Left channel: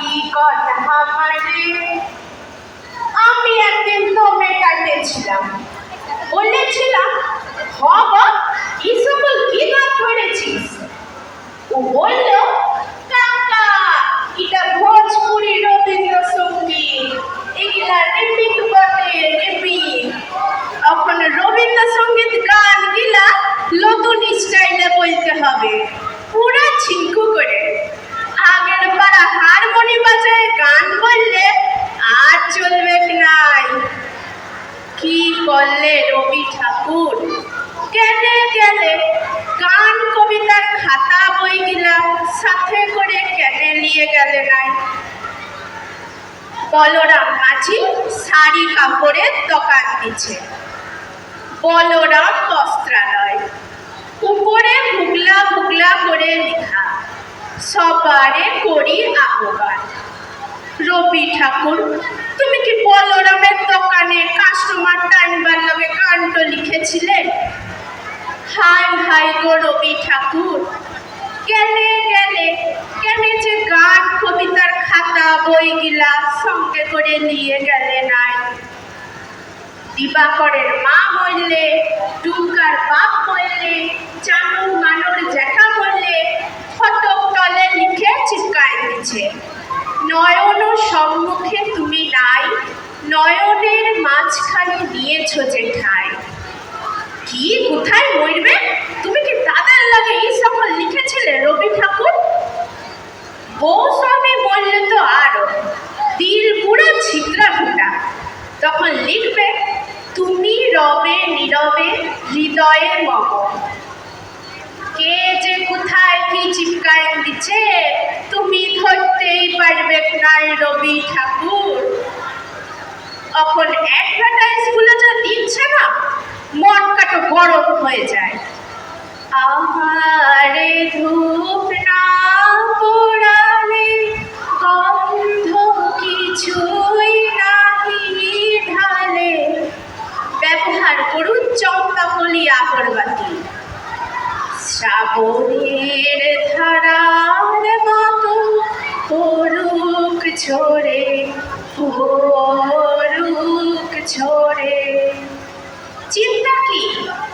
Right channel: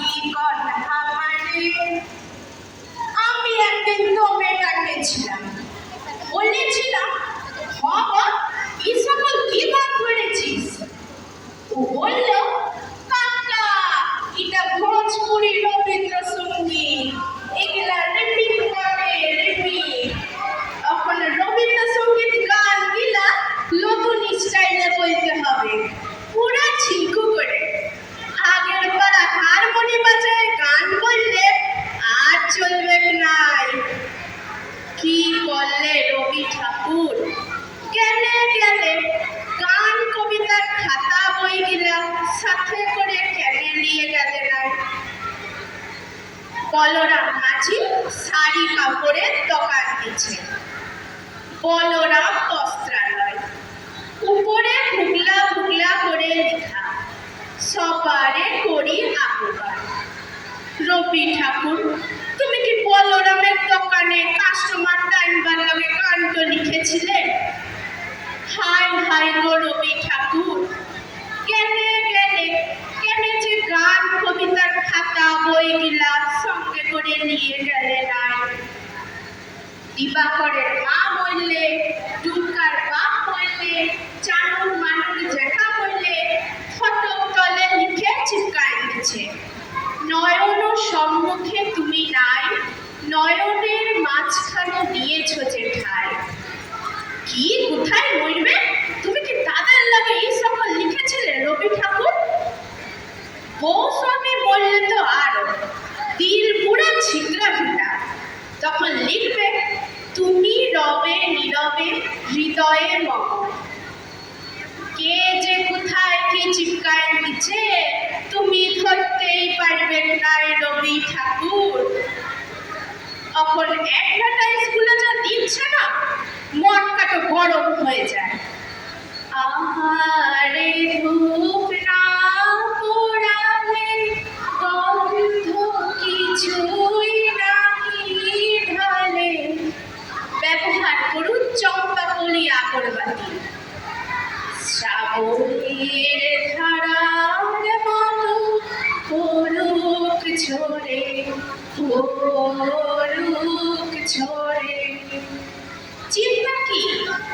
কি কথা আমারে। আমি একদিন তোকে কাটেছিলাম, বলেছিলাম বাবা এই সকল কি গান ধরেছিস। ও বলল কাকা এটা ভোজপুরি রবীন্দ্রসঙ্গীত, এগুলা রিপিট বটে রিপিট। এখন রবীন্দ্রসঙ্গীত গান গিলা নতুন স্টাইলে বলতে হবে, পুরা ছিঙ্কু করে। আগের পাড়া হারমোনি বাজায় গান বললে আর চলবে নাই। কি করলে রবি ঠাকুর, কেনে গেলে গান কবিতার খাতা বইগুলা সাথে করে কেনে নিয়ে গেলে নাই। বলরাম মাঝি শাড়ি কাপড়ের দোকান দিচ্ছে, বলরাম বস্ত্রালয়, উপরে ভুগলা ভুগলা করে লেখা, সবারে করি আহ্বান। রবি ঠাকুর তুমি কি বলরামের দোকানে কাস্টমার টাইমবার লগে কাণ্ড লিখেছিলেন? হাই হাই গো রবি ঠাকুর, কেনে গেলে কেনে যে গান কবিতার খাতা বইগুলা সঙ্গে করে নিয়ে গেলে নাই। দিবাকরের মা বললে, দুর্গার বাপ বললে, চানুর মানুর জ্যাঠা বললে, ফটক তলে লিখে চিপকায় দিচ্ছে, নয়ন সম্মুখে তুমি নাই, নয়নের মাঝখানে নিয়েছ যে ঠাই। কি কোথায় মরবে, তুমি কি দাদার লাগে এই সকল লিখেছিলে রবি ঠাকুর? বউ স্বামী বললে তো আরো দিল পুরো ছিদ্রা ফুটা। তখন লিখবে তুমি রবে নীরবে হৃদয়ে মম। কে যে কোথায় কি চিপকায় দিচ্ছে তুমি ধরতেই পারবে নাই রবি ঠাকুর। এখন অ্যাডভার্টাইজগুলো যা দিচ্ছে না, মনটা তো গরম হয়ে যায়। আহারে ধূপ না পোড়ালে গন্ধ কিছুই নাহি ঢালে, ব্যবহার করুন চম্পাকলি আগরবাতি। শ্রাবণের ধারার মতো পড়ুক ঝরে পড়ুক ঝরে। চিন্তা কি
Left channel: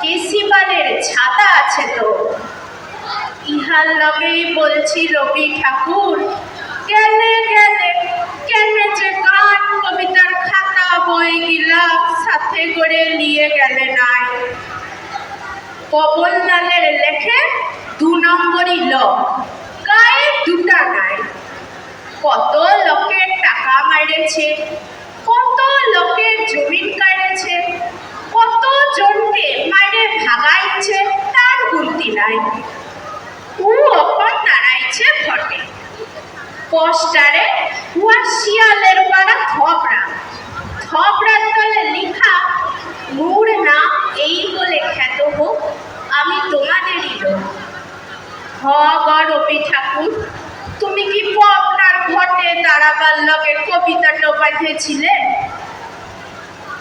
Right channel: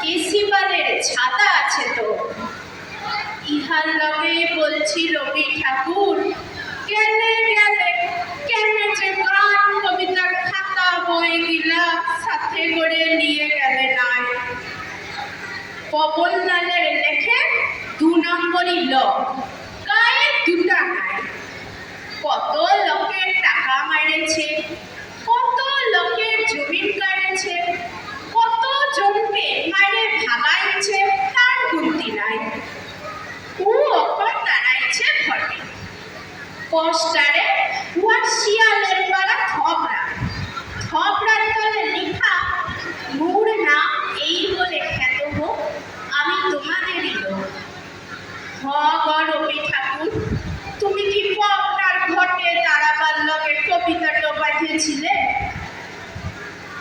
কেসিবালের ছাতা আছে তো। ইহার লগেই বলছি রবি ঠাকুর, কেনে গেলে কেনে যে গান কবিতার খাতা বইগুলা সাথে করে নিয়ে গেলে নাই। পবনলালের লেখে 2 নম্বরই লোক, গায়ে দুটা নাই। কত লোকের টাকা মারেছে, কত লোকের জমিন কাড়েছে, কত জনকে মাইরে ভাগাইছে, তার গুনতি নাই। ও অপর দাঁড়াইছে ভটে, পোস্টারে উহার শিয়ালের পাড়া থবরা, থবরার তলে লিখা মোর নাম এই বলে খ্যাত হোক, আমি তোমাদেরই লোক। হ গো রবি ঠাকুর, তুমি কি আপনার ঘটে দাঁড়াবার লগে কবিতাটা পাঠিয়েছিলে?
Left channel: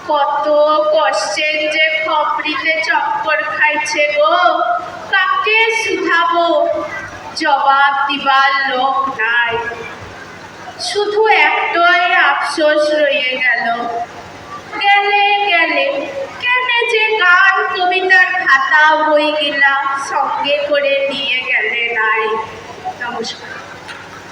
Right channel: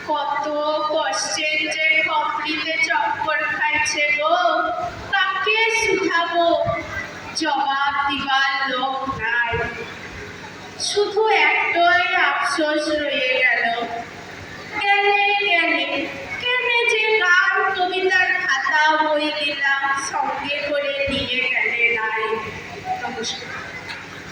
কত কষ্টের যে খপরিতে চক্কর খাইছে গো, কাকে শুধাবো, জবাব দিবার লোক নাই। শুধু একটাই আফসোস রয়ে গেল, গেলে গেলে কেনে যে গান কবিতার খাতা বইগুলা সঙ্গে করে নিয়ে গেলে নাই। নমস্কার।